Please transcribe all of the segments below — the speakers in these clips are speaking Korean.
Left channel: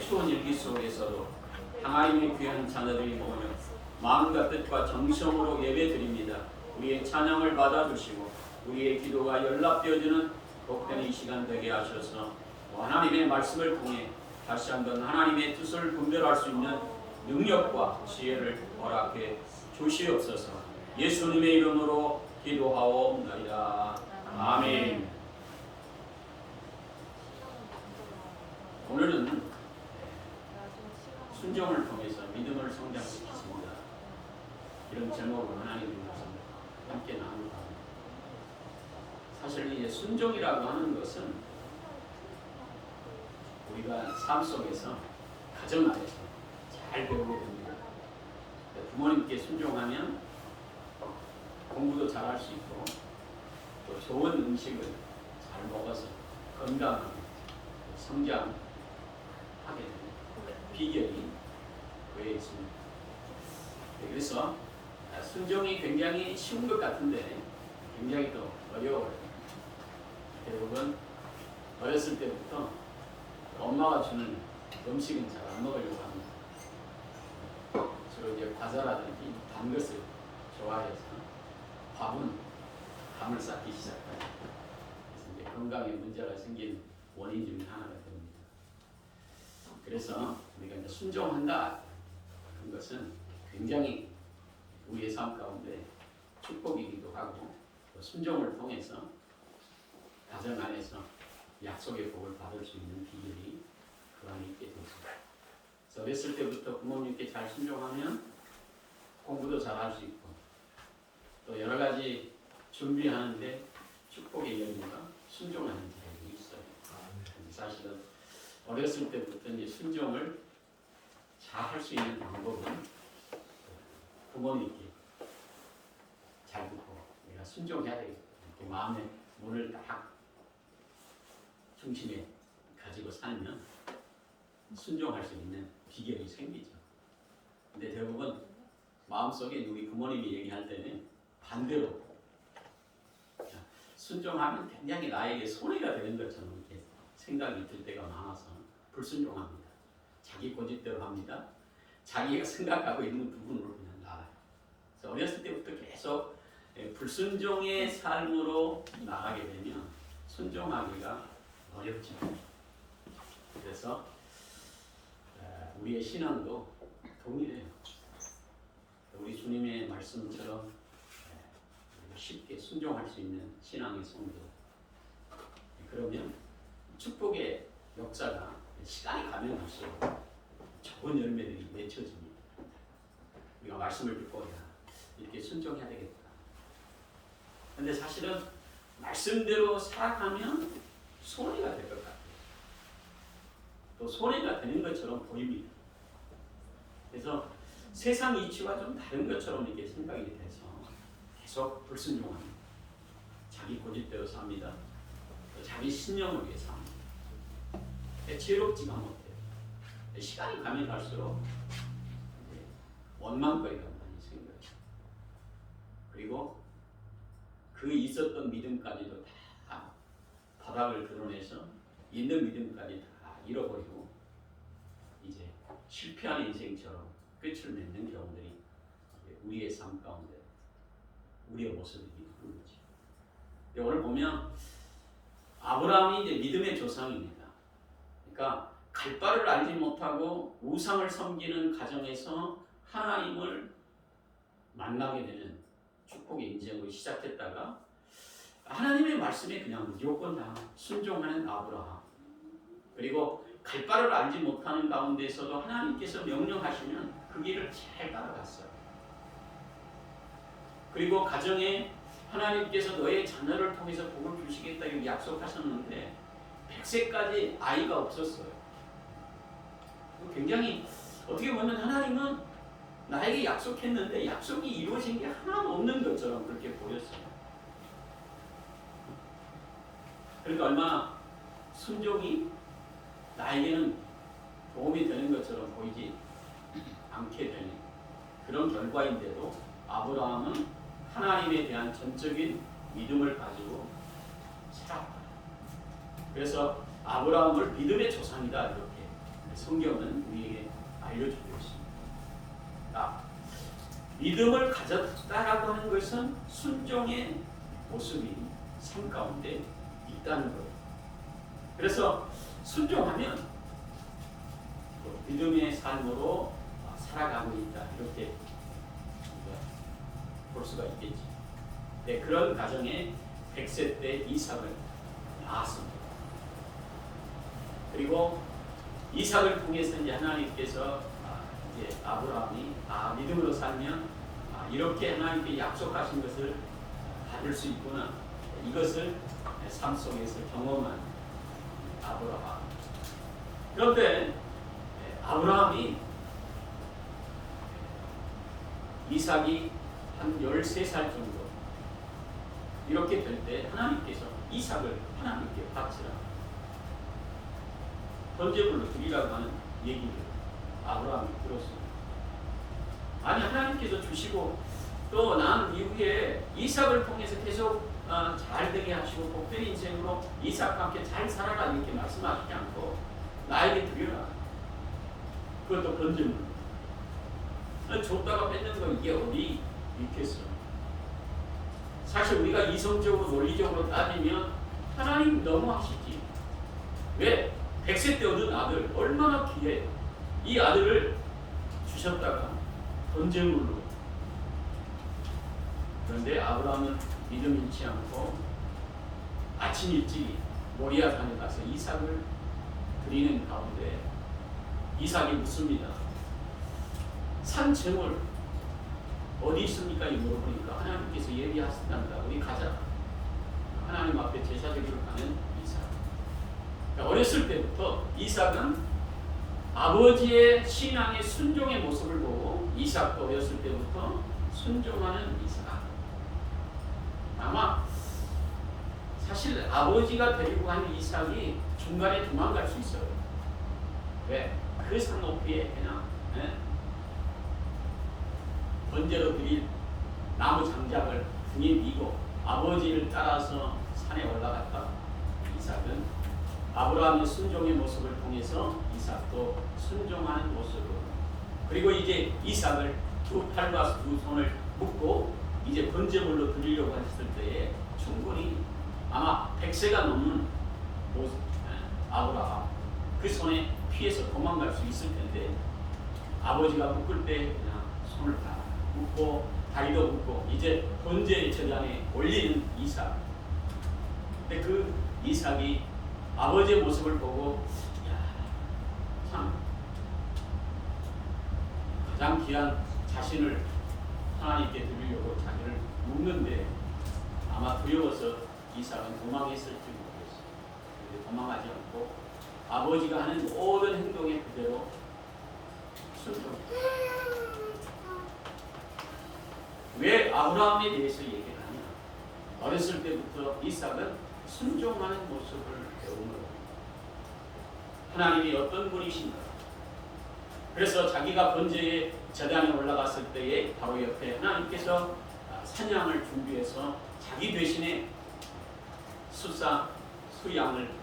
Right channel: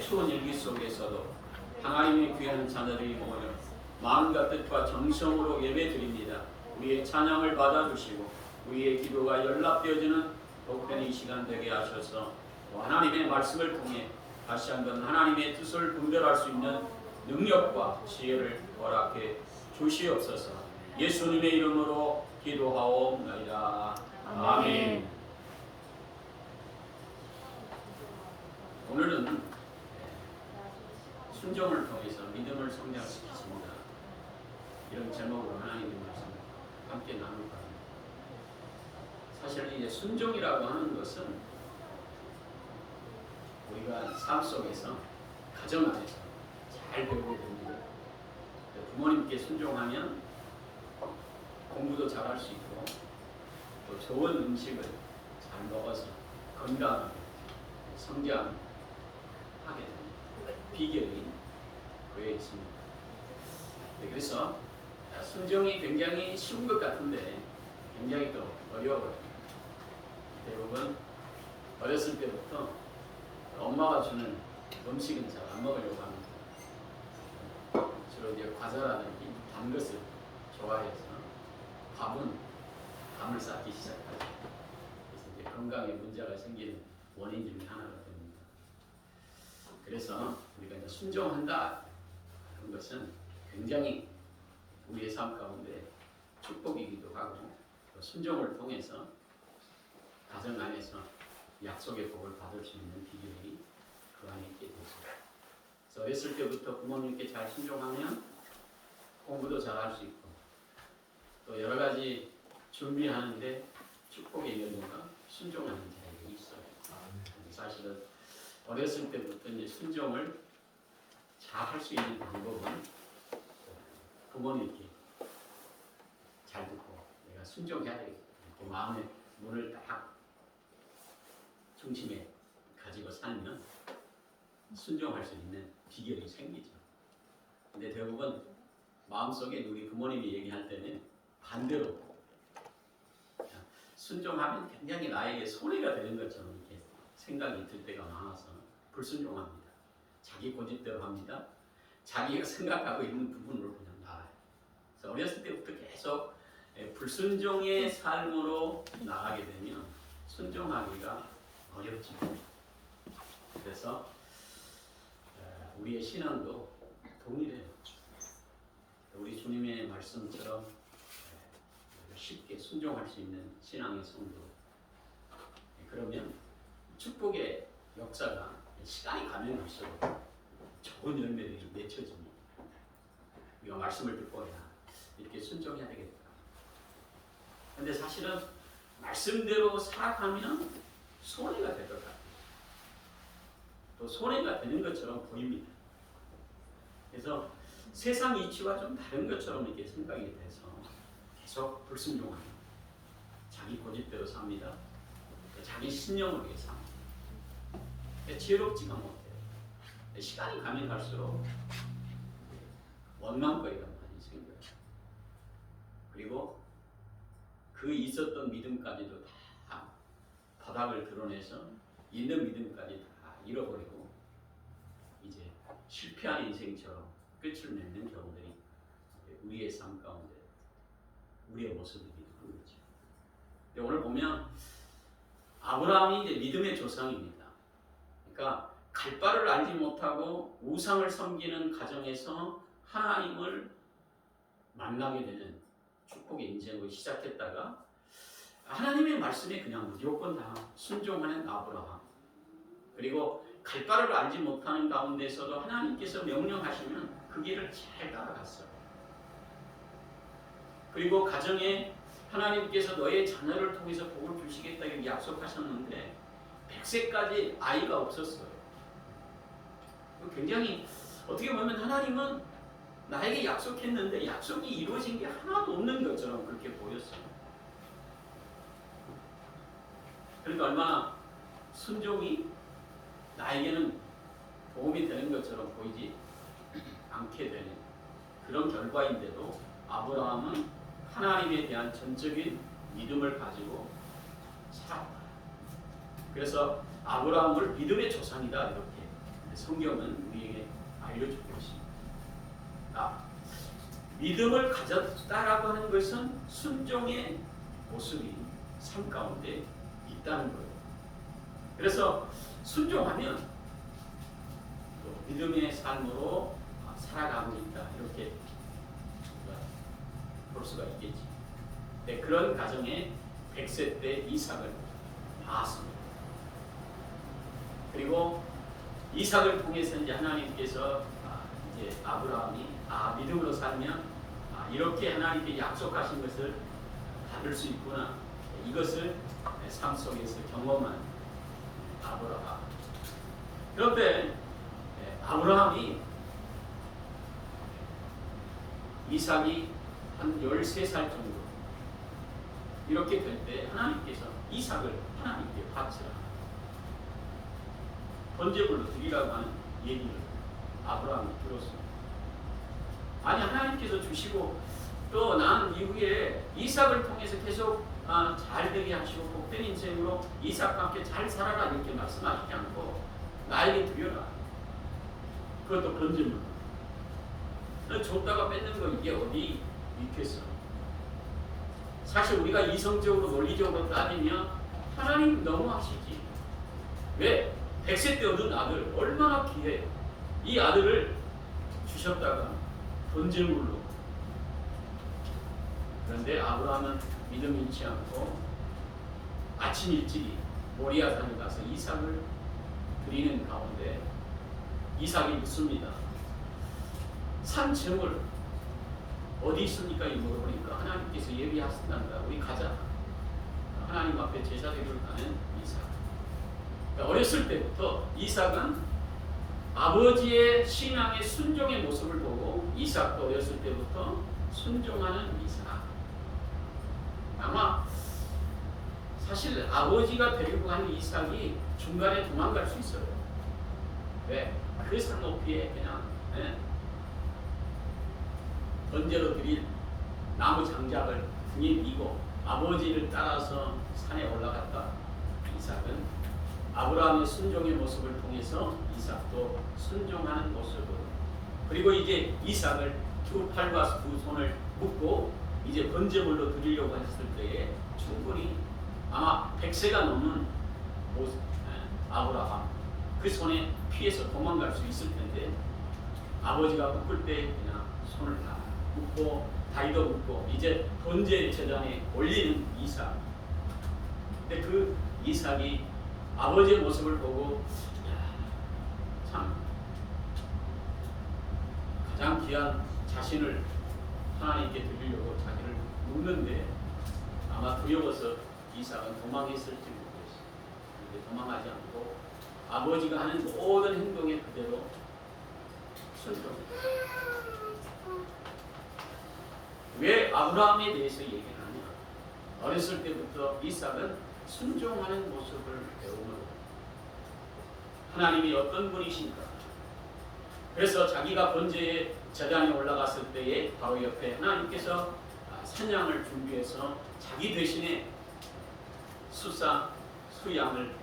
추운 일기 속에서도 하나님의 귀한 자녀들이 모여 마음과 뜻과 정성으로 예배드립니다. 우리의 찬양을 받아주시고 우리의 기도가 연락되어지는 복되는 이 시간 되게 하셔서 하나님의 말씀을 통해 다시 한번 하나님의 뜻을 분별할 수 있는 능력과 지혜를 허락해 주시옵소서. 예수님의 이름으로 기도하옵나이다. 아멘. 오늘은 순종을 통해서 믿음을 성장시키십니다. 이런 제목으로 하나님의 말씀을 함께 나눌까 합니다. 사실 이제 순종이라고 하는 것은 우리가 삶 속에서 가정 안에서 잘 배우게 됩니다. 부모님께 순종하면 공부도 잘할 수 있고 또 좋은 음식을 잘 먹어서 건강하게 성장하게 됩니다. 비결이 그에 있습니다. 그래서 순종이 굉장히 쉬운 것 같은데 굉장히 또 어려워요. 대부분 어렸을 때부터 엄마가 주는 음식은 잘 안 먹으려고 합니다. 주로 이제 과자라든지 단 것을 좋아해서 밥은 감을 쌓기 시작하죠. 그래서 이제 건강에 문제가 생기는 원인 중에 하나가 됩니다. 그래서 우리가 이제 순종한다 그런 것은 굉장히 우리의 삶 가운데 축복이기도 하고 또 순종을 통해서 가정 안에서 약속의 복을 받을 수 있는 비결이 그 안에 있게 되습니다. 그래서 어렸을 때부터 부모님께 잘 순종하면 공부도 잘할 수 있고 또 여러 가지 준비하는데 축복의 열매가 순종하는 자에게 있어요. 사실은 어렸을 때부터 이제 순종을 잘 할 수 있는 방법은 부모님께 잘 듣고 내가 순종해야 되겠다. 이렇게 마음의 문을 딱 중심에 가지고 살면 순종할 수 있는 비결이 생기죠. 근데 대부분 마음속에 우리 부모님이 얘기할 때는 반대로 순종하면 굉장히 나에게 손해가 되는 것처럼 이렇게 생각이 들 때가 많아서 불순종합니다. 자기 고집대로 합니다. 자기가 생각하고 있는 부분으로 그냥 나가요. 그래서 어렸을 때부터 계속 불순종의 삶으로 나가게 되면 순종하기가 어렵죠. 그래서 우리의 신앙도 동일해요. 우리 주님의 말씀처럼 쉽게 순종할 수 있는 신앙의 성도. 그러면 축복의 역사가 시간이 가면 갈수록 좋은 열매들이 맺혀집니다. 우리가 말씀을 듣고 이렇게 순종해야 되겠다. 그런데 사실은 말씀대로 살아가면 손해가 될 것 같아요. 또 손해가 되는 것처럼 보입니다. 그래서 세상 이치와 좀 다른 것처럼 이렇게 생각이 돼서 계속 불순종합니다. 자기 고집대로 삽니다. 자기 신념을 위해 삽니다. 지혜롭지가 못해요. 시간이 가면 갈수록 원망거리가 많이 생겨요. 그리고 그 있었던 믿음까지도 다 바닥을 드러내서 있는 믿음까지 다 잃어버리고 이제 실패한 인생처럼 끝을 맺는 경우들이 우리의 삶 가운데 우리의 모습이기도 한 거죠. 오늘 보면 아브라함이 이제 믿음의 조상입니다. 그러니까 갈 바를 알지 못하고 우상을 섬기는 가정에서 하나님을 만나게 되는 축복의 인생으로 시작했다가 하나님의 말씀에 그냥 무조건 다 순종하는 아브라함. 그리고 갈 바를 알지 못하는 가운데서도 하나님께서 명령하시면 그 길을 잘 따라갔어요. 그리고 가정에 하나님께서 너의 자녀를 통해서 복을 주시겠다고 약속하셨는데 100세까지 아이가 없었어요. 굉장히 어떻게 보면 하나님은 나에게 약속했는데 약속이 이루어진 게 하나도 없는 것처럼 그렇게 보였어요. 그러니까 얼마나 순종이 나에게는 도움이 되는 것처럼 보이지 않게 되는 그런 결과인데도 아브라함은 하나님에 대한 전적인 믿음을 가지고 살았다. 그래서 아브라함을 믿음의 조상이다 이렇게 성경은 우리에게 알려주고 있습니다. 믿음을 가졌다라고 하는 것은 순종의 모습이 삶 가운데 있다는 거예요. 그래서 순종하면 또 믿음의 삶으로 살아가고 있다, 이렇게 우리가 볼 수가 있겠지. 네, 그런 가정에 100세 때 이삭을 낳았습니다. 그리고 이삭을 통해서 이제 하나님께서 이제 아브라함이 믿음으로 살면 이렇게 하나님께 약속하신 것을 받을 수 있구나, 이것을 삶 속에서 경험한 아브라함. 그런데 아브라함이 이삭이 한 13살 정도 이렇게 될 때 하나님께서 이삭을 하나님께 바치라, 번제물로 드리라고 하는 얘기를 아브라함이 들었어요. 아니, 하나님께서 주시고 또 나는 이후에 이삭을 통해서 계속 잘 되게 하시고 복된 인생으로 이삭과 함께 잘 살아라, 이렇게 말씀하시지 않고 나에게 드려라, 그것도 번제물로. 줬다가 뺏는 거 이게 어디 있겠어. 사실 우리가 이성적으로 논리적으로 따지면 하나님 너무하시지. 왜? 100세 때 얻은 아들 얼마나 귀해. 이 아들을 주셨다가 번제물로. 그런데 아브라함은 믿음 잃지 않고 아침 일찍 모리아산에 가서 이삭을 드리는 가운데 이삭이 묻습니다. 산 제물 어디 있습니까? 물어보니까 하나님께서 예비하신단다, 우리 가자. 하나님 앞에 제사드리러 가는 이삭. 어렸을 때부터 이삭은 아버지의 신앙의 순종의 모습을 보고, 이삭도 어렸을 때부터 순종하는 이삭. 아마 사실 아버지가 데리고 간 이삭이 중간에 도망갈 수 있어요. 왜? 그 산 높이에 그냥 번제로 드릴 나무 장작을 등에 미고 아버지를 따라서 산에 올라갔다. 이삭은 아브라함의 순종의 모습을 통해서 이삭도 순종하는 모습을, 그리고 이제 이삭을 두 팔과 두 손을 묶고 이제 번제물로 드리려고 했을 때에 충분히 아마 100세가 넘는 아브라함 그 손에 피해서 도망갈 수 있을 텐데, 아버지가 묶을 때 그냥 손을 다 묶고 다리도 묶고 이제 번제 제단에 올리는 이삭. 근데 그 이삭이 아버지의 모습을 보고, 참 가장 귀한 자신을 하나님께 드리려고 자기를 묶는데 아마 두려워서 이삭은 도망했을지 모르겠어요. 그런데 도망하지 않고 아버지가 하는 모든 행동에 그대로 순종했어요. 왜 아브라함에 대해서 얘기를 하냐? 어렸을 때부터 이삭은 순종하는 모습을 배우는, 하나님이 어떤 분이신가. 그래서 자기가 번제의 제단에 올라갔을 때에 바로 옆에 하나님께서 산양을 준비해서 자기 대신에 수양을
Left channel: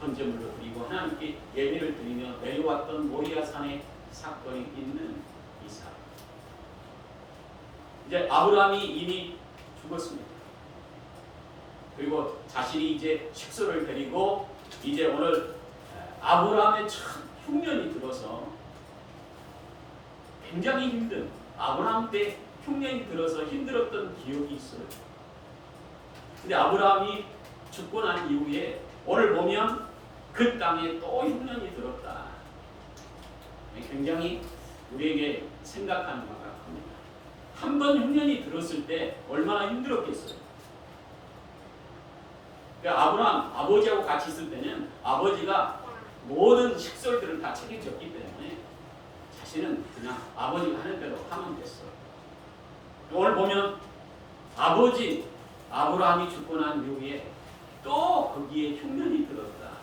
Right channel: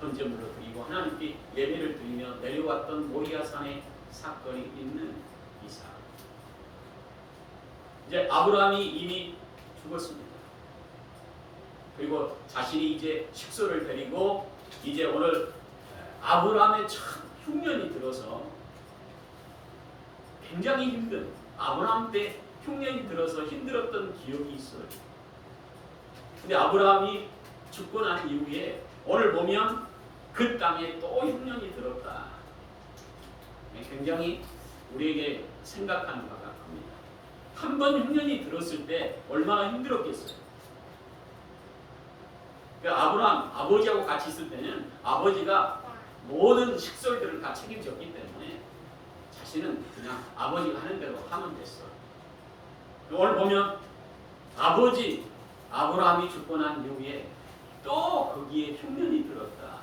번제물로 드리고 하나님께 예배를 드리며 내려왔던 모리아산의 사건이 있는 이삭. 이제 아브라함이 이미 죽었습니다. 그리고 자신이 이제 식소를 데리고 이제 오늘 아브라함의 첫 흉년이 들어서 굉장히 힘든, 아브라함 때 흉년이 들어서 힘들었던 기억이 있어요. 근데 아브라함이 죽고 난 이후에 오늘 보면 그 땅에 또 흉년이 들었다. 굉장히 우리에게 생각하는 바가 큽니다. 한 번 흉년이 들었을 때 얼마나 힘들었겠어요. 그러니까 아브라함 아버지하고 같이 있을 때는 아버지가 모든 식솔들을 다 책임졌기 때문에 자신은 그냥 아버지가 하는 대로 하면 됐어. 오늘 보면 아버지 아브라함이 죽고 난 이후에 또 거기에 흉년이 들었다.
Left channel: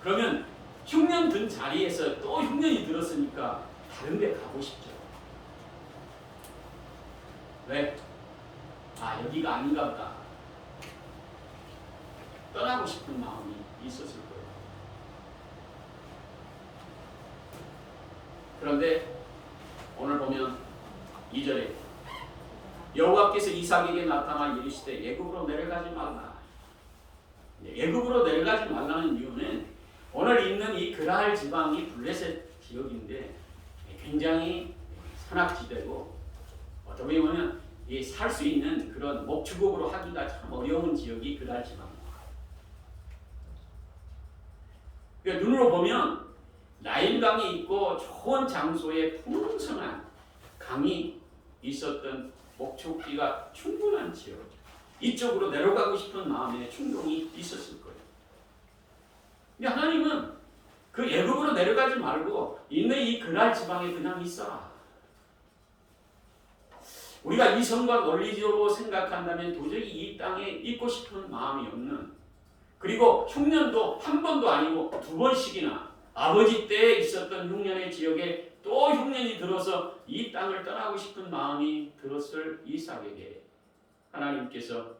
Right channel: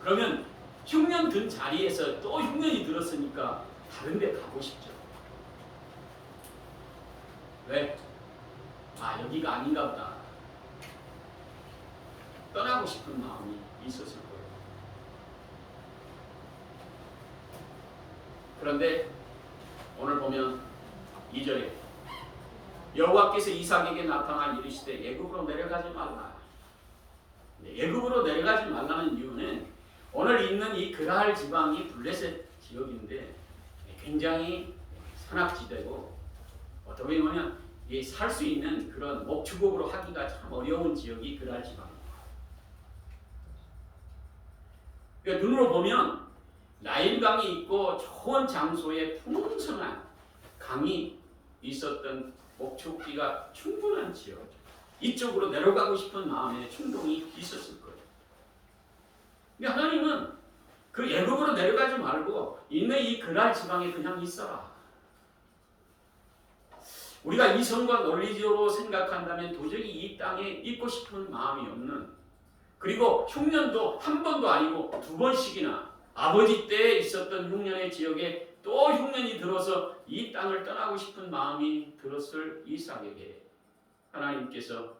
그러면 흉년 든 자리에서 또 흉년이 들었으니까 다른 데 가고 싶죠. 왜? 여기가 아닌가 보다. 떠나고 싶은 마음이 있었을 거예요. 그런데 오늘 보면 2절에 여호와께서 이삭에게 나타나 이르시되 애굽으로 내려가지 말라. 애굽으로 내려가지 말라는 이유는 오늘 있는 이 그랄 지방이 블레셋 지역인데 굉장히 산악지대고 어떻게 보면 살 수 있는 그런 목축업으로 하기가 참 어려운 지역이 그랄 지방입니다. 그러니까 눈으로 보면 나일강이 있고 좋은 장소에 풍성한 강이 있었던 목축지가 충분한 지역, 이쪽으로 내려가고 싶은 마음에 충동이 있었을 거예요. 근데 하나님은 그 애굽으로 내려가지 말고 있는 이 그랄 지방에 그냥 있어라. 우리가 이성과 논리적으로 생각한다면 도저히 이 땅에 있고 싶은 마음이 없는, 그리고 흉년도 한 번도 아니고 두 번씩이나 아버지 때에 있었던 흉년의 지역에 또 흉년이 들어서 이 땅을 떠나고 싶은 마음이 들었을 이삭에게 하나님께서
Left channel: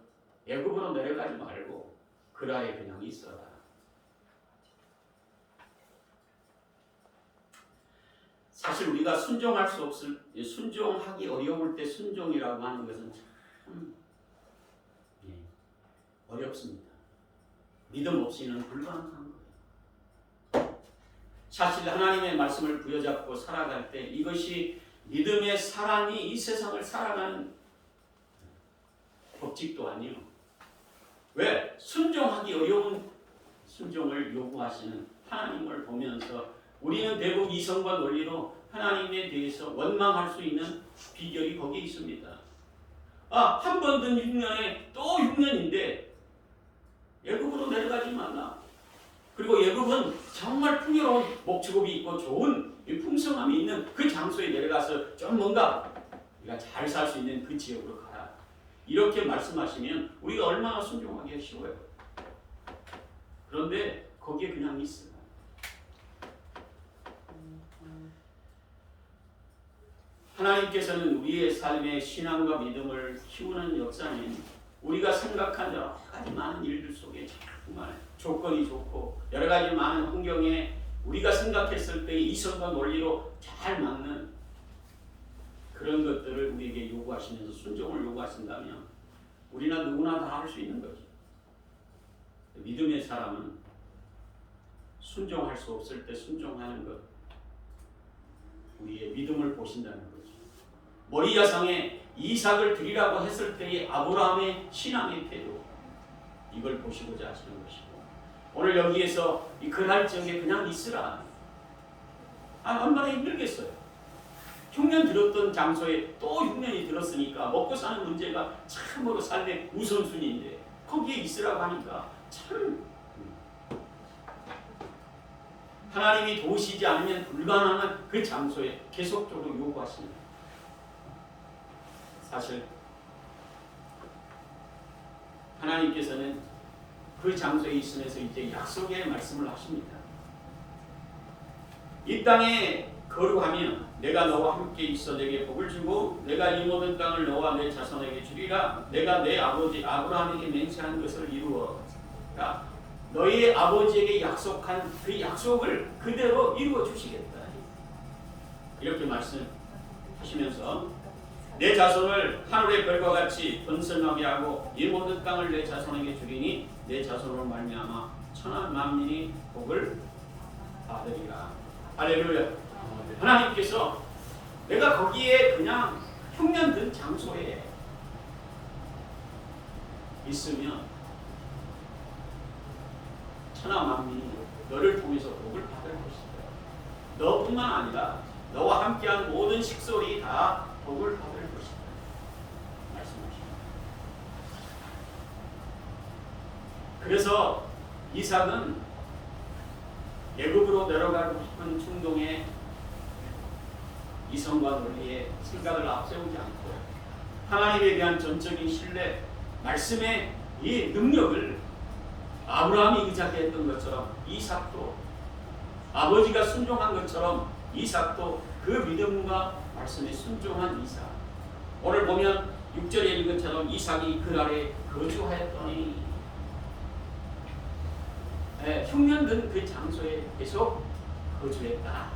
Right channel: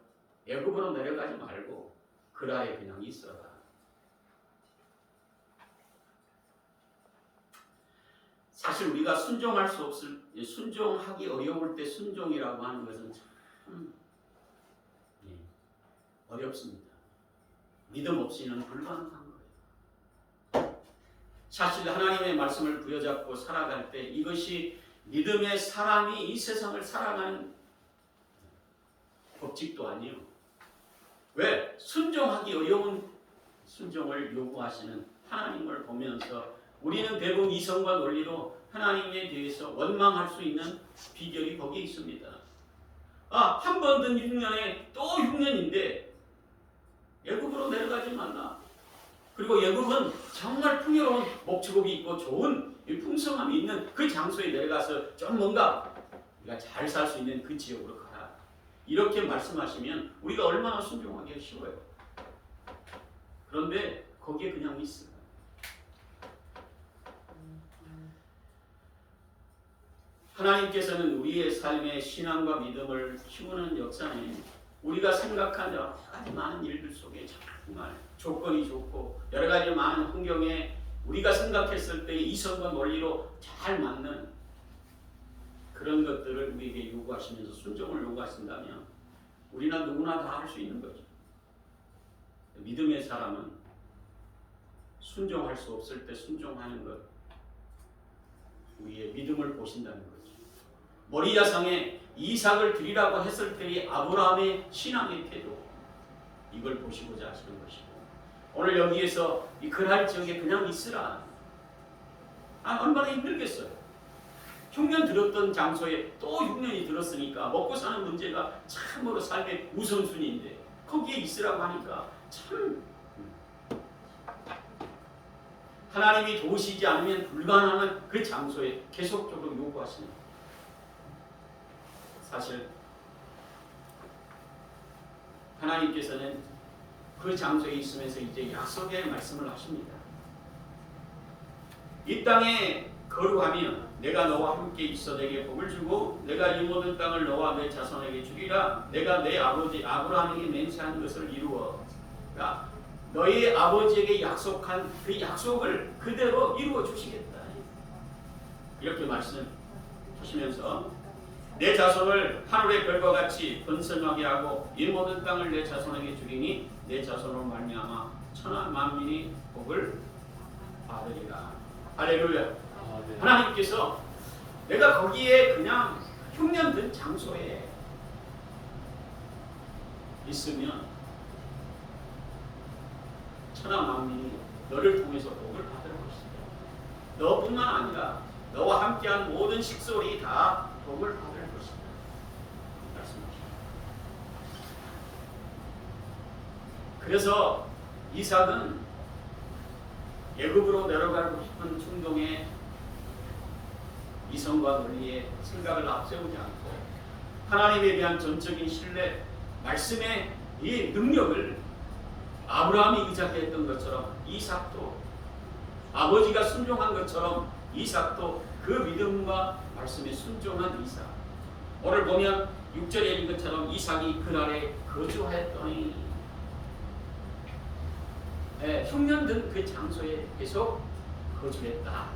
애굽으로 내려가지 말고 그랄에 그냥 있어라. 사실 우리가 순종하기 어려울 때 순종이라고 하는 것은 참 어렵습니다. 믿음 없이는 불가능한 거예요. 사실 하나님의 말씀을 부여잡고 살아갈 때 이것이 믿음의 사람이 이 세상을 살아가는 법칙도 아니에요. 왜? 순종하기 어려운 순종을 요구하시는 하나님을 보면서 우리는 대부분 이성과 논리로 하나님에 대해서 원망할 수 있는 비결이 거기에 있습니다. 한 번 든 흉년에 또 흉년인데 애굽으로 내려가지 말라. 그리고 애굽은 정말 풍요로운 목축업이 있고 좋은 풍성함이 있는 그 장소에 내려가서 좀 뭔가 우리가 잘 살 수 있는 그 지역으로 가라. 이렇게 말씀하시면 우리가 얼마나 순종하기가 쉬워요. 그런데 거기에 그냥 있어요. 하나님께서는 우리의 삶의 신앙과 믿음을 키우는 역사는 우리가 생각한 여러 가지 많은 일들 속에 정말 조건이 좋고 여러 가지 많은 환경에 우리가 생각했을 때 이성과 논리로 잘 맞는 그런 것들을 우리에게 요구하시면서 순종을 요구하신다면 우리는 누구나 다 할 수 있는 거죠. 믿음의 사람은 순종할 수 없을 때 순종하는 것, 우리의 믿음을 보신다는 거죠. 모리아상에 이삭을 드리라고 했을 때의 아브라함의 신앙의 태도, 이걸 보시고자 하시는 것이고, 오늘 여기에서 이 그랄 지역에 그냥 있으라. 얼마나 힘들겠어요. 흉년 들었던 장소에 또 흉년이 들었으니까 먹고 사는 문제가 참으로 삶의 우선순위인데 거기에 있으라고 하니까 참 하나님이 도우시지 않으면 불가능한 그 장소에 계속적으로 요구하시는 거예요. 사실 하나님께서는 그 장소에 있으면서 이제 약속의 말씀을 하십니다. 이 땅에 거류하면 내가 너와 함께 있어 내게 복을 주고 내가 이 모든 땅을 너와 내 자손에게 주리라. 내가 내 아버지 아브라함에게 맹세한 것을 이루어. 그러니까 너희 아버지에게 약속한 그 약속을 그대로 이루어 주시겠다. 이렇게 말씀하시면서 내 자손을 하늘의 별과 같이 번성하게 하고 이 모든 땅을 내 자손에게 주리니 내 자손으로 말미암아 천하 만민이 복을 받으리라. 할렐루야. 하나님께서 내가 거기에 그냥 흉년 든 장소에 있으면 천하 만민이 너를 통해서 복을 받을 것이다. 너뿐만 아니라 너와 함께한 모든 식솔이 다 복을 받을 것이다. 말씀하십니다. 그래서 이삭은 애굽으로 내려가고 싶은 충동에 이성과 논리의 생각을 앞세우지 않고 하나님에 대한 전적인 신뢰, 말씀의 이 능력을 아브라함이 의지했던 것처럼 이삭도 아버지가 순종한 것처럼 이삭도 그 믿음과 말씀에 순종한 이삭. 오늘 보면 6절에 읽은 것처럼 이삭이 그날에 거주하였더니 흉년 든 그 장소에 계속 거주했다.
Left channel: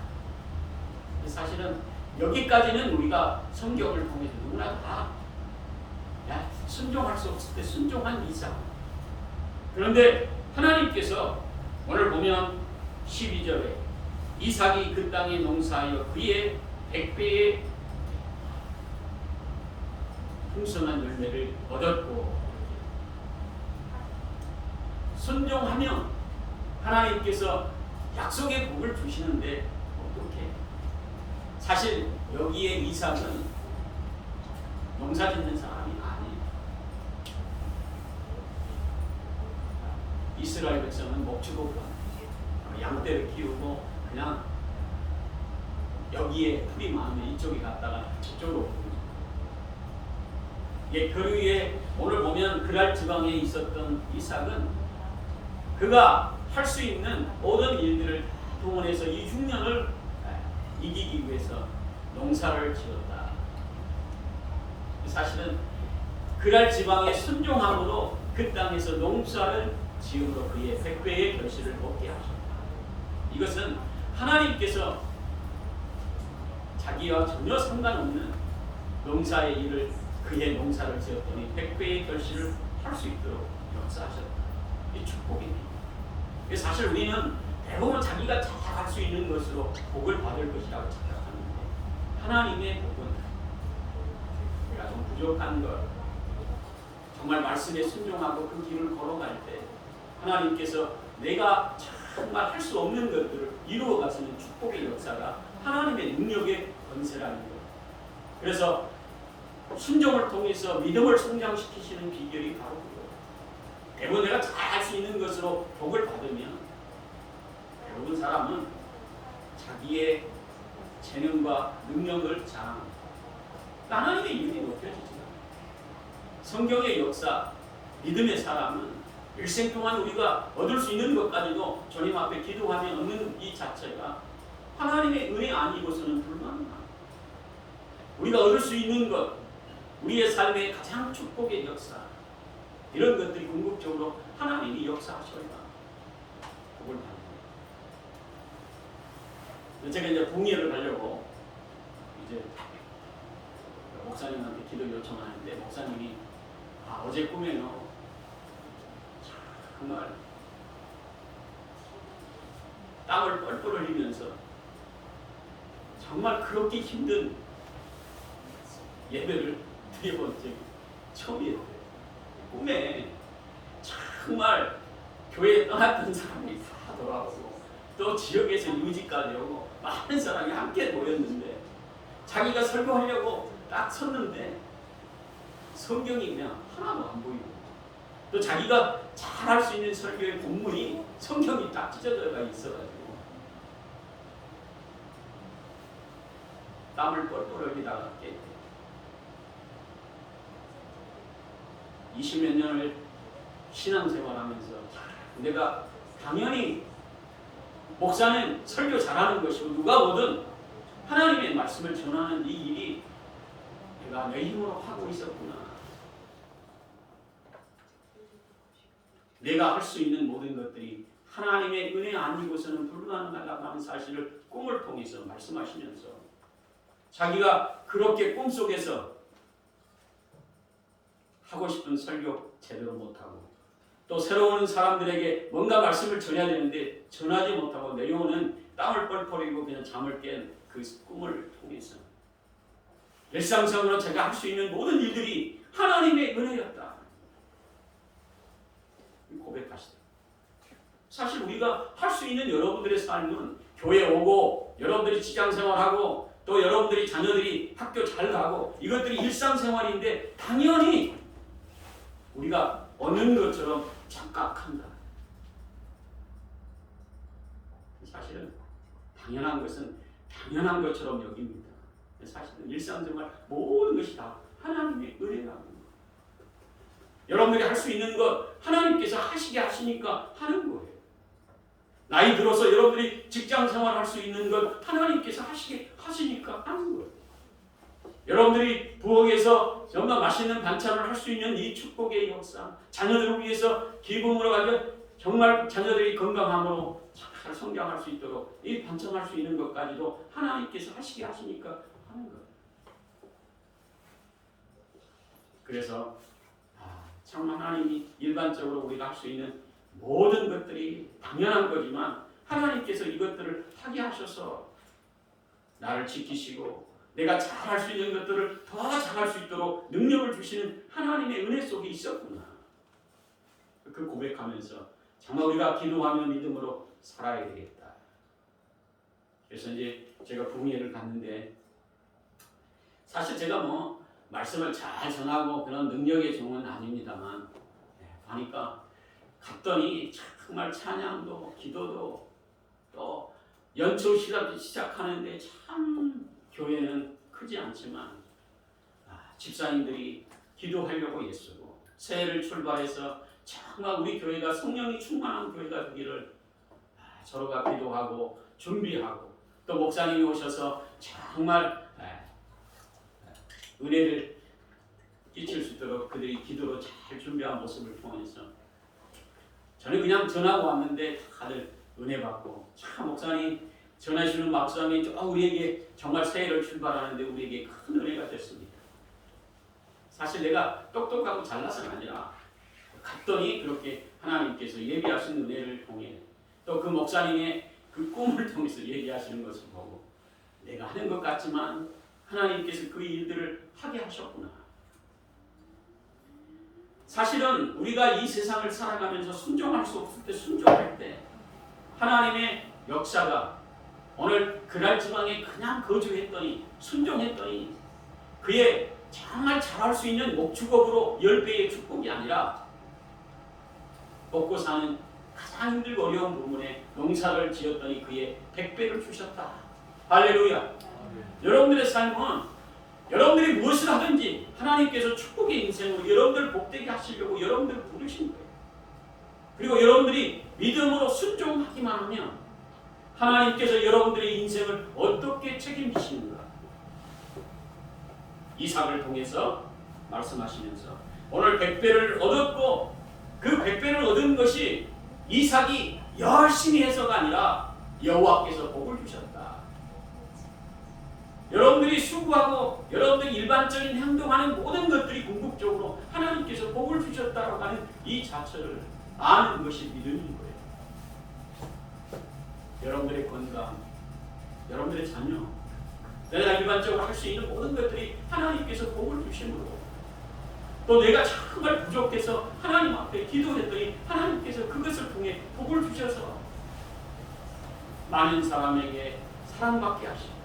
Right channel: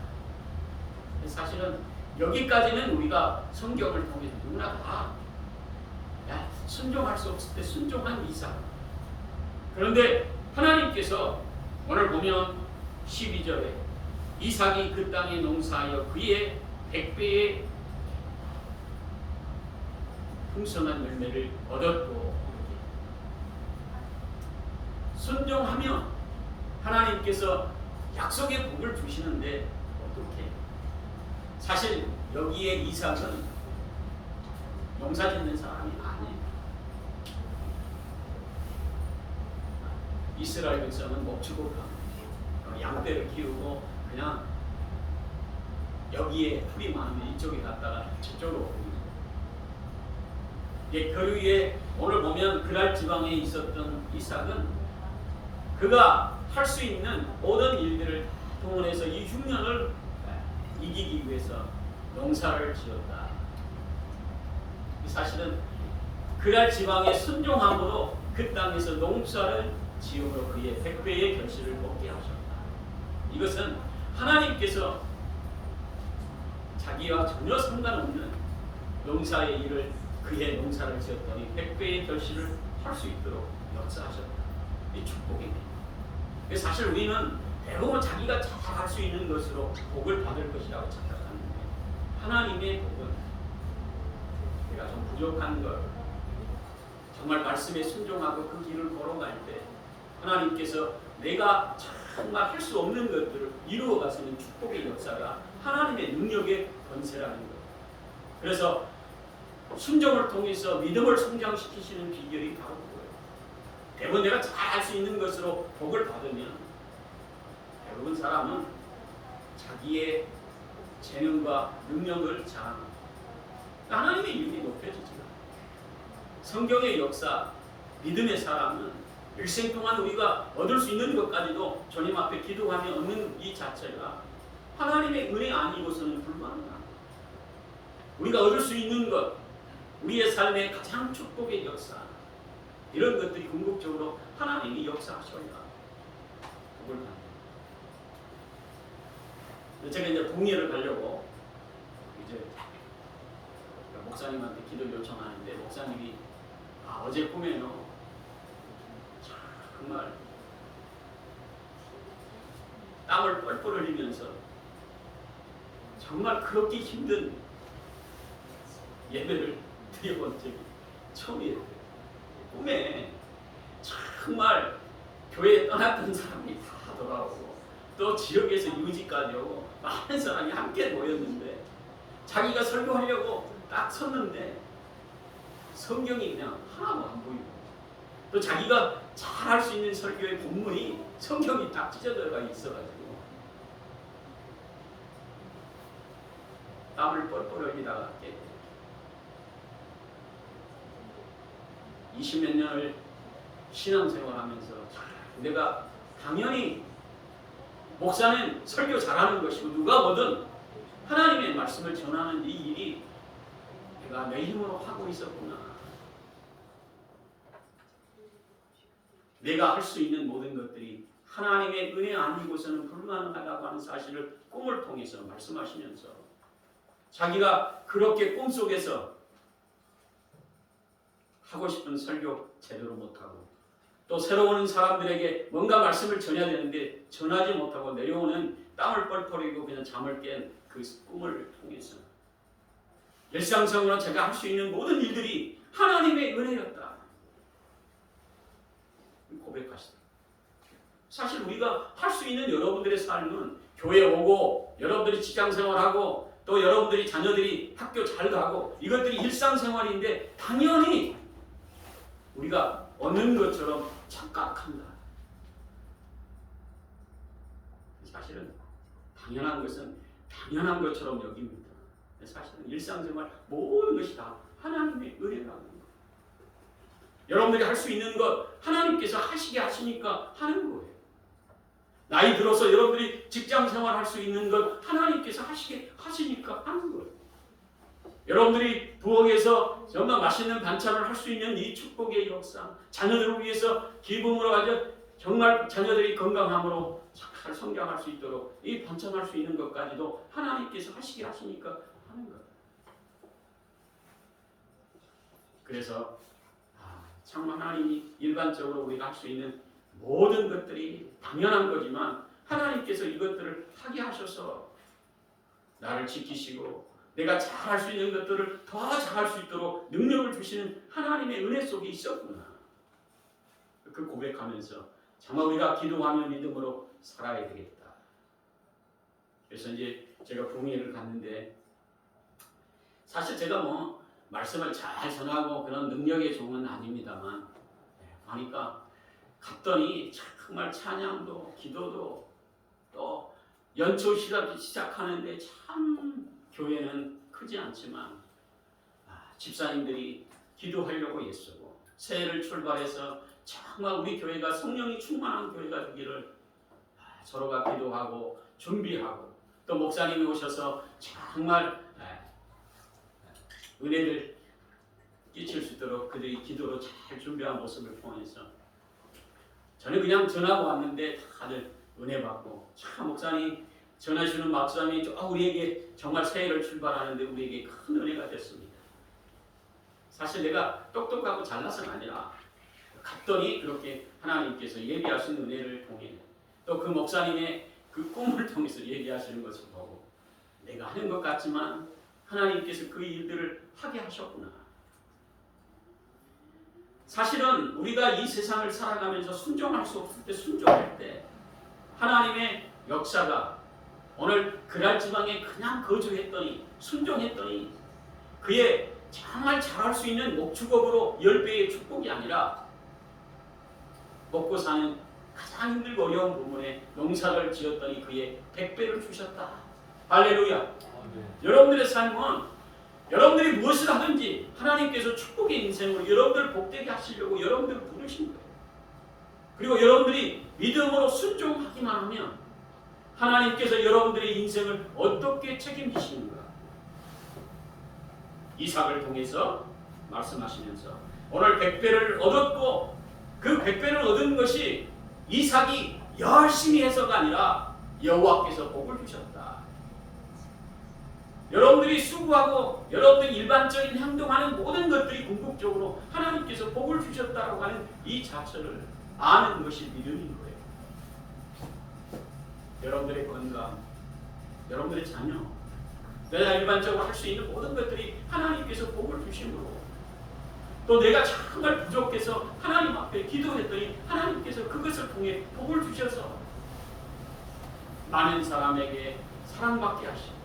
사실은 여기까지는 우리가 성경을 통해서 누구나 다 순종할 수 없을 때 순종한 이삭. 그런데 하나님께서 오늘 보면 12절에 이삭이 그 땅에 농사하여 그의 100배의 풍성한 열매를 얻었고, 순종하면 하나님께서 약속의 복을 주시는데 어떻게? 사실 여기에 이삭은 농사 짓는 사람이 아니에요. 이스라엘 백성은 목축업하고 양떼를 키우고 그냥 여기에 풀이 많은데 이쪽에 갔다가 저쪽으로. 예, 그 위에 오늘 보면 그랄 지방에 있었던 이삭은 그가 할 수 있는 모든 일들을 동원해서 이 흉년을 이기기 위해서 농사를 지었다. 사실은 그랄 지방의 순종함으로 그 땅에서 농사를 지음으로 그의 100배의 결실을 먹게 하셨다. 이것은 하나님께서 자기와 전혀 상관없는 농사의 일을 그의 농사를 지었더니 100배의 결실을 할 수 있도록 역사하셨다. 이 축복입니다. 사실 우리는 대부분 자기가 잘 할 수 있는 것으로 복을 받을 것이라고 착각하는데 하나님의 복은 내가 좀 부족한 것, 정말 말씀에 순종하고 그 길을 걸어갈 때 하나님께서 내가 정말 할 수 없는 것들을 이루어 가시는 축복의 역사가 하나님의 능력의 권세라는 거예요. 그래서 순종을 통해서 믿음을 성장시키시는 비결이 바로 그거예요. 대부분 내가 잘 할 수 있는 것으로 복을 받으면 대부분 사람은 자기의 재능과 능력을 자랑합니다. 하나님의 이름이 높여지지 않아요. 성경의 역사, 믿음의 사람은 일생 동안 우리가 얻을 수 있는 것까지도 주님 앞에 기도하며 얻는 이 자체가 하나님의 은혜 아니고서는 불가능합니다. 우리가 얻을 수 있는 것, 우리의 삶의 가장 축복의 역사, 이런 것들이 궁극적으로 하나님이 역사하셔야 복을 받는. 제가 이제 북미를 가려고 이제 목사님한테 기도 요청하는데 목사님이 어제 꿈에요. 정말 땀을 뻘뻘 흘리면서 정말 그렇게 힘든 예배를 드려본 적이 처음이에요. 꿈에 정말 교회에 떠났던 사람이 다 돌아오고 또 지역에서 유지까지 오고 많은 사람이 함께 모였는데 자기가 설교하려고 딱 섰는데 성경이 그냥 하나도 안 보이고 또 자기가 잘 할 수 있는 설교의 본문이 성경이 딱 찢어져가 있어가지고 땀을 뻘뻘 흘리다가 깨. 20몇 년을 신앙생활하면서 내가 당연히 목사는 설교 잘하는 것이고 누가 뭐든 하나님의 말씀을 전하는 이 일이 내가 내 힘으로 하고 있었구나. 내가 할 수 있는 모든 것들이 하나님의 은혜 아니고서는 불가능하다고 하는 사실을 꿈을 통해서 말씀하시면서 자기가 그렇게 꿈속에서 하고 싶은 설교 제대로 못하고 또 새로 오는 사람들에게 뭔가 말씀을 전해야 되는데 전하지 못하고 내려오는 땀을 뻘뻘 흘리고 그냥 잠을 깬 그 꿈을 통해서 일상적으로 제가 할 수 있는 모든 일들이 하나님의 은혜였다. 고백하시다. 사실 우리가 할 수 있는 여러분들의 삶은 교회 오고 여러분들이 직장생활하고 또 여러분들이 자녀들이 학교 잘 가고 이것들이 일상생활인데 당연히 우리가 얻는 것처럼 착각한다. 사실은 당연한 것은 당연한 것처럼 여깁니다. 사실은 일상생활 모든 것이 다 하나님의 은혜라는 것. 여러분들이 할 수 있는 것 하나님께서 하시게 하시니까 하는 거예요. 나이 들어서 여러분들이 직장생활 할 수 있는 것 하나님께서 하시게 하시니까 하는 거예요. 여러분들이 부엌에서 정말 맛있는 반찬을 할 수 있는 이 축복의 역사, 자녀들을 위해서 기쁨으로 가져 정말 자녀들이 건강함으로 잘 성장할 수 있도록 이 번창할 수 있는 것까지도 하나님께서 하시게 하시니까 하는 거예요. 그래서 정말 하나님이 일반적으로 우리가 할 수 있는 모든 것들이 당연한 거지만 하나님께서 이것들을 하게 하셔서 나를 지키시고 내가 잘할 수 있는 것들을 더 잘할 수 있도록 능력을 주시는 하나님의 은혜 속에 있었구나. 그 고백하면서 정말 우리가 기도하며 믿음으로 살아야 되겠다. 그래서 이제 제가 부흥회를 갔는데 사실 제가 뭐 말씀을 잘 전하고 그런 능력의 종은 아닙니다만 가니까 갔더니 정말 찬양도 기도도 또 연초 시작하는데 참 교회는 크지 않지만 집사님들이 기도하려고 애쓰고 새해를 출발해서 정말 우리 교회가 성령이 충만한 교회가 되기를 서로가 기도하고 준비하고 또 목사님이 오셔서 정말 은혜를 끼칠 수 있도록 그들이 기도로 잘 준비한 모습을 통해서 저는 그냥 전하고 왔는데 다들 은혜 받고 참 목사님 전하시는 말씀이 우리에게 정말 새해를 출발하는데 우리에게 큰 은혜가 됐습니다. 사실 내가 똑똑하고 잘나서는 아니라 갔더니 그렇게 하나님께서 예비하신 은혜를 통해 또 그 목사님의 그 꿈을 통해서 얘기하시는 것을 보고 내가 하는 것 같지만 하나님께서 그 일들을 하게 하셨구나. 사실은 우리가 이 세상을 살아가면서 순종할 수 없을 때 순종할 때 하나님의 역사가 오늘 그랄 지방에 그냥 거주했더니 순종했더니 그의 정말 잘할 수 있는 목축업으로 10배의 축복이 아니라 먹고 사는 가장 힘들고 어려운 부분에 농사를 지었더니 그의 100배를 주셨다. 할렐루야. 여러분들의 삶은 여러분들이 무엇을 하든지 하나님께서 축복의 인생으로 여러분들 복되게 하시려고 여러분들을 부르신 거예요. 그리고 여러분들이 믿음으로 순종하기만 하면 하나님께서 여러분들의 인생을 어떻게 책임지시는가 이삭을 통해서 말씀하시면서 오늘 100배를 얻었고 그 100배를 얻은 것이 이삭이 열심히 해서가 아니라 여호와께서 복을 주셨다. 여러분들이 수고하고 여러분들이 일반적인 행동하는 모든 것들이 궁극적으로 하나님께서 복을 주셨다고 하는 이 자체를 아는 것이 믿음인 거예요. 여러분들의 건강, 여러분들의 자녀, 내가 일반적으로 할 수 있는 모든 것들이 하나님께서 복을 주심으로 또 내가 정말 부족해서 하나님 앞에 기도했더니 하나님께서 그것을 통해 복을 주셔서 많은 사람에게 사랑받게 하시고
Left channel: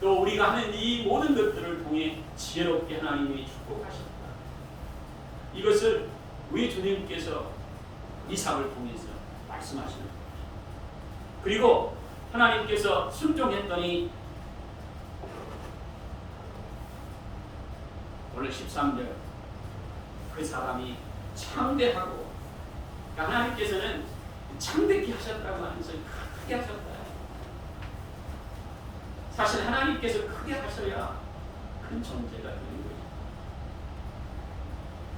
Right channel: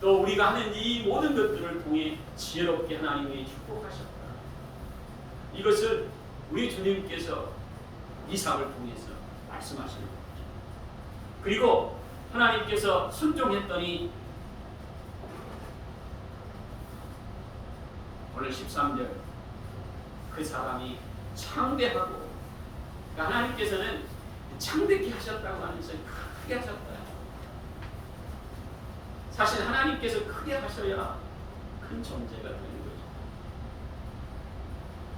또 우리가 하는 이 모든 것들을 통해 지혜롭게 하나님이 축복하셨다. 이것을 우리 주님께서 이삭을 통해서 말씀하시는 거죠. 그리고 하나님께서 순종했더니 오늘 13절 그 사람이 창대하고 그러니까 하나님께서는 창대케 하셨다고 하면서 크게 하셨다. 사실 하나님께서 크게 하셔야 큰 존재가 되는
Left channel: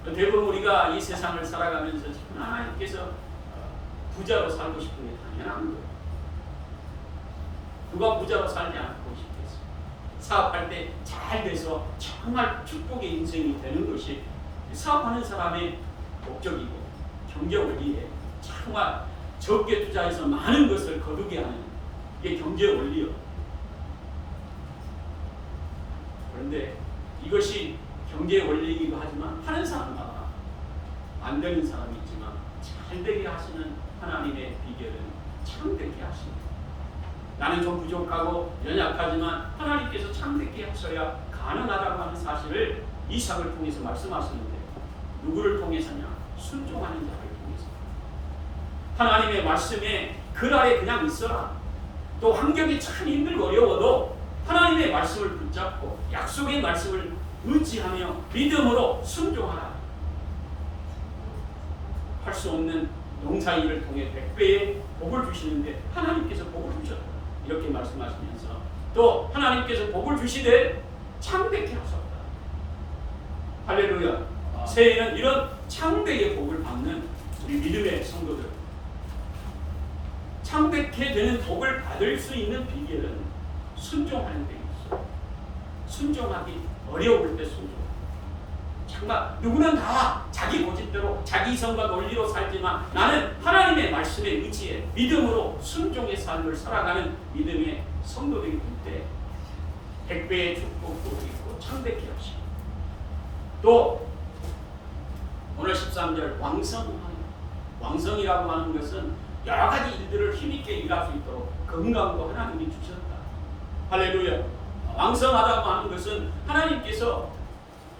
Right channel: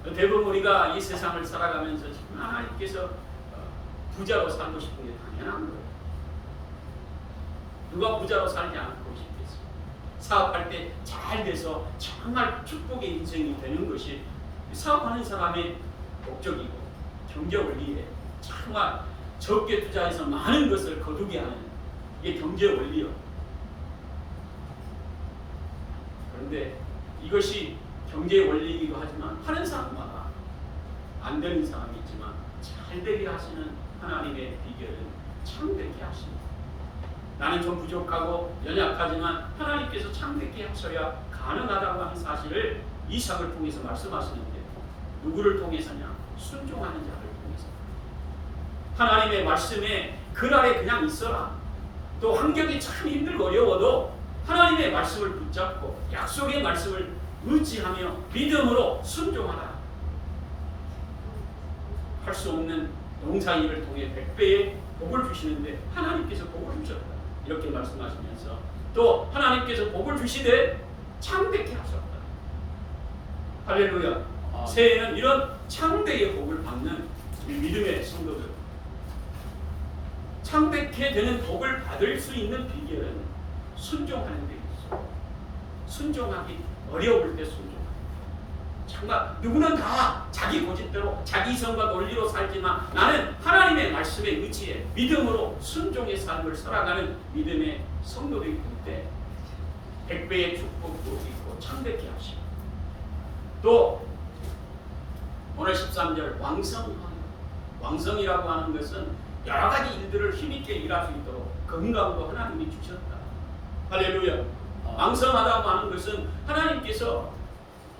거죠. 대부분 우리가 이 세상을 살아가면서 하나님께서 부자로 살고 싶은 게 당연한 거예요. 누가 부자로 살지 않고 싶겠어요. 사업할 때 잘 돼서 정말 축복의 인생이 되는 것이 사업하는 사람의 목적이고 경제를 위해 정말 적게 투자해서 많은 것을 거두게 하는 이게 경제 원리요. 그런데 이것이 경제 원리이기도 하지만 하는 사람마다 안 되는 사람이 있지만 잘 되게 하시는 하나님의 비결은 창되게 하십니다. 나는 좀 부족하고 연약하지만 하나님께서 창되게 하셔야 가능하다고 하는 사실을 이삭을 통해서 말씀하시는데 누구를 통해서냐? 순종하는 자를 통해서. 하나님의 말씀에 글 아래 그냥 있어라. 또 환경이 참 힘들고 어려워도 하나님의 말씀을 붙잡고 약속의 말씀을 의지하며 믿음으로 순종하라. 할 수 없는 농사일을 통해 100배의 복을 주시는데 하나님께서 복을 주셨다. 이렇게 말씀하시면서 또 하나님께서 복을 주시되 창대케 하셨다. 할렐루야. 새해에는 이런 창대의 복을 받는 우리 믿음의 성도들 창백해 되는 복을 받을 수 있는 비결은 순종하는 데 있어요. 순종하기 어려울 때 순종하는. 정말 누구는 다 자기 고집대로 자기 이성과 논리로 살지만 나는 하나님의 말씀에 의지해 믿음으로 순종의 삶을 살아가는 믿음의 성도들이 될 때 100배의 축복도 있고 창백해 하시고 또 오늘 13절 왕성이라고 하는 것은 여러 가지 일들을 힘있게 일할 수 있도록 건강도 하나님이 주셨다. 할렐루야. 왕성하다고 하는 것은 하나님께서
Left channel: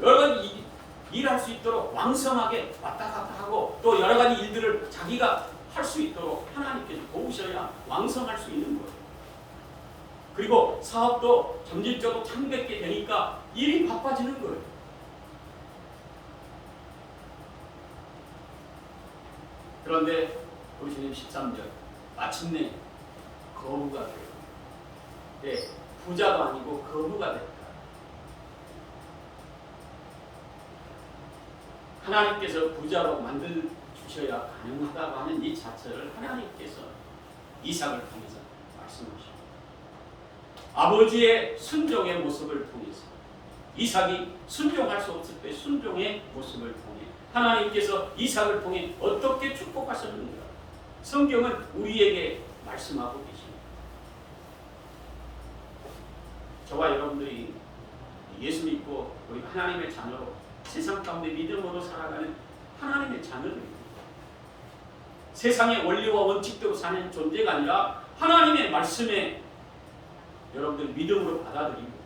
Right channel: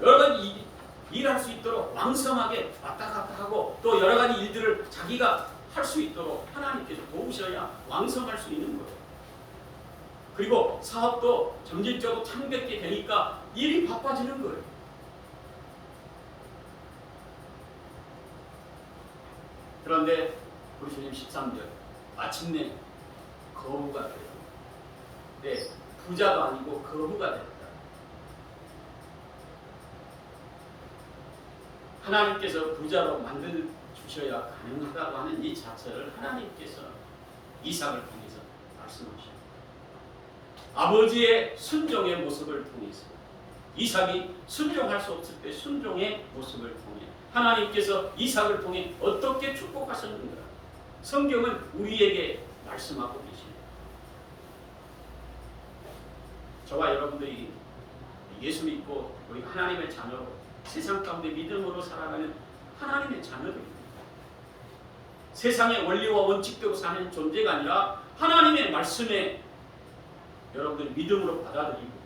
여러 가지 일할 수 있도록 왕성하게 왔다 갔다 하고 또 여러 가지 일들을 자기가 할 수 있도록 하나님께서 도우셔야 왕성할 수 있는 거예요. 그리고 사업도 점진적으로 창백게 되니까 일이 바빠지는 거예요. 그런데 우리 주님 13절 마침내 거부가 돼요. 네, 부자도 아니고 거부가 됐다. 하나님께서 부자로 만들 주셔야 가능하다고 하는 이 자체를 하나님께서 이삭을 통해서 말씀하십니다. 아버지의 순종의 모습을 통해서 이삭이 순종할 수 없을 때 순종의 모습을 통해 하나님께서 이삭을 통해 어떻게 축복하셨는가 성경은 우리에게 말씀하고 계십니다. 저와 여러분들이 예수 믿고 우리 하나님의 자녀로 세상 가운데 믿음으로 살아가는 하나님의 자녀들입니다. 세상의 원리와 원칙대로 사는 존재가 아니라 하나님의 말씀에 여러분들이 믿음으로 받아들이고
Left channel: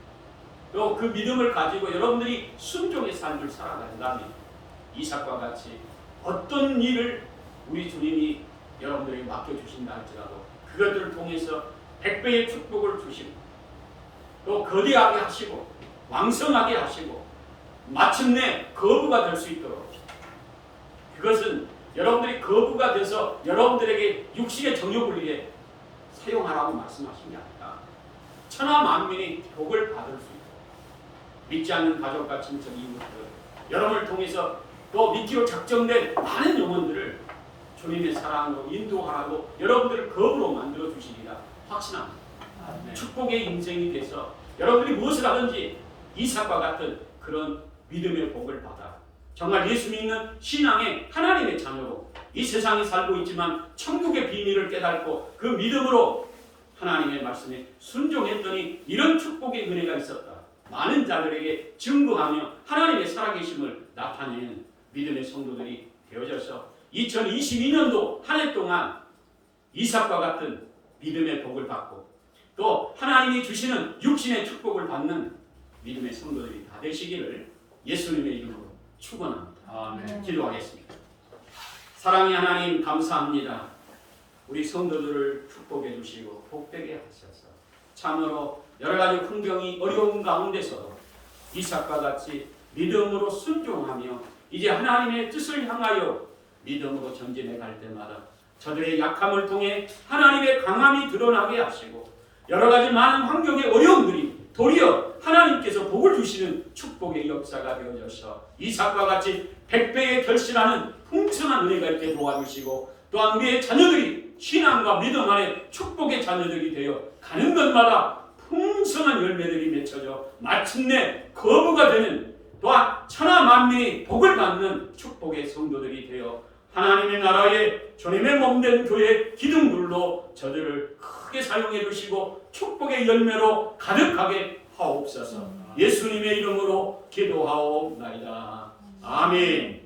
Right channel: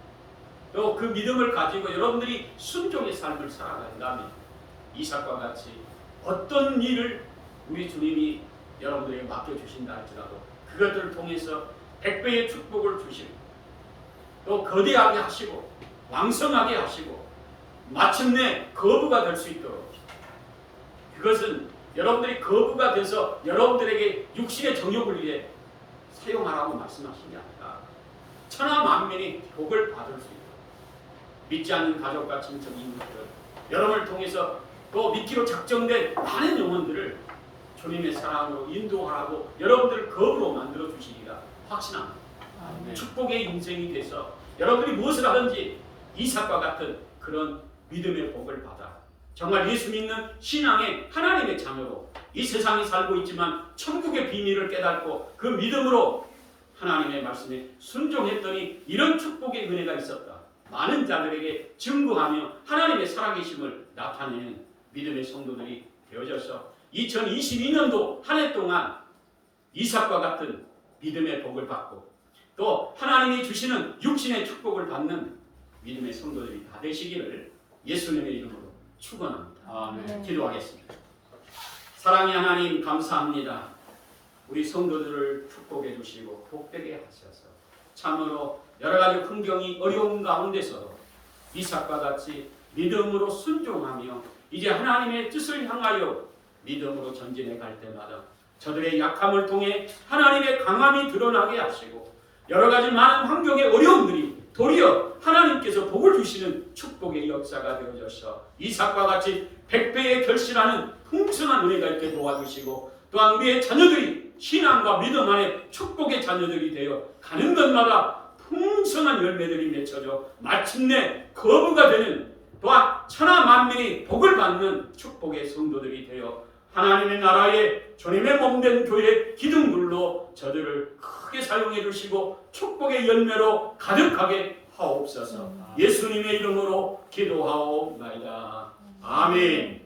또 그 믿음을 가지고 여러분들이 순종의 삶을 살아간다면 이삭과 같이 어떤 일을 우리 주님이 여러분들에게 맡겨주신다 할지라도 그것들을 통해서 100배의 축복을 주시고 또 거대하게 하시고 왕성하게 하시고 마침내 거부가 될 수 있도록 그것은 여러분들이 거부가 돼서 여러분들에게 육신의 정욕을 위해 사용하라고 말씀하신 게 아니라 천하 만민이 복을 받을 수 있도록 믿지 않는 가족과 친척 이웃들 여러분을 통해서 또 믿기로 작정된 많은 영혼들을 주님의 사랑으로 인도하라고 여러분들을 거부로 만들어 주시리라 확신합니다. 축복의 인생이 돼서 여러분들이 무엇을 하든지 이삭과 같은 그런 믿음의 복을 받아 정말 예수 믿는 신앙의 하나님의 자녀로 이 세상에 살고 있지만 천국의 비밀을 깨닫고 그 믿음으로 하나님의 말씀에 순종했더니 이런 축복의 은혜가 있었다. 많은 자들에게 증거하며 하나님의 살아계심을 나타내는 믿음의 성도들이 되어져서 2022년도 한 해 동안 이삭과 같은 믿음의 복을 받고 또 하나님이 주시는 육신의 축복을 받는 믿음의 성도들이 다 되시기를 예수님의 이름으로 축원합니다. 아멘. 기도하겠습니다. 사랑의 하나님 감사합니다. 우리 성도들을 축복해 주시고 복되게 하셔서 참으로 여러 가지 환경이 어려운 가운데서도 이삭과 같이 믿음으로 순종하며 이제 하나님의 뜻을 향하여 믿음으로 전진해 갈 때마다 저들의 약함을 통해 하나님의 강함이 드러나게 하시고 여러 가지 많은 환경의 어려움들이 도리어 하나님께서 복을 주시는 축복의 역사가 되어져서 이삭과 같이 100배의 결실하는 풍성한 은혜가 있게 도와주시고 또한 우리의 자녀들이 신앙과 믿음 안에 축복의 자녀들이 되어 가는 것마다 풍성한 열매들이 맺혀져 마침내 거부가 되는 또한 천하 만민이 복을 받는 축복의 성도들이 되어 하나님의 나라의 주님의 몸된 교회 기둥들로 저들을 크게 사용해 주시고 축복의 열매로 가득하게 하옵소서. 예수님의 이름으로 기도하옵나이다. 아멘.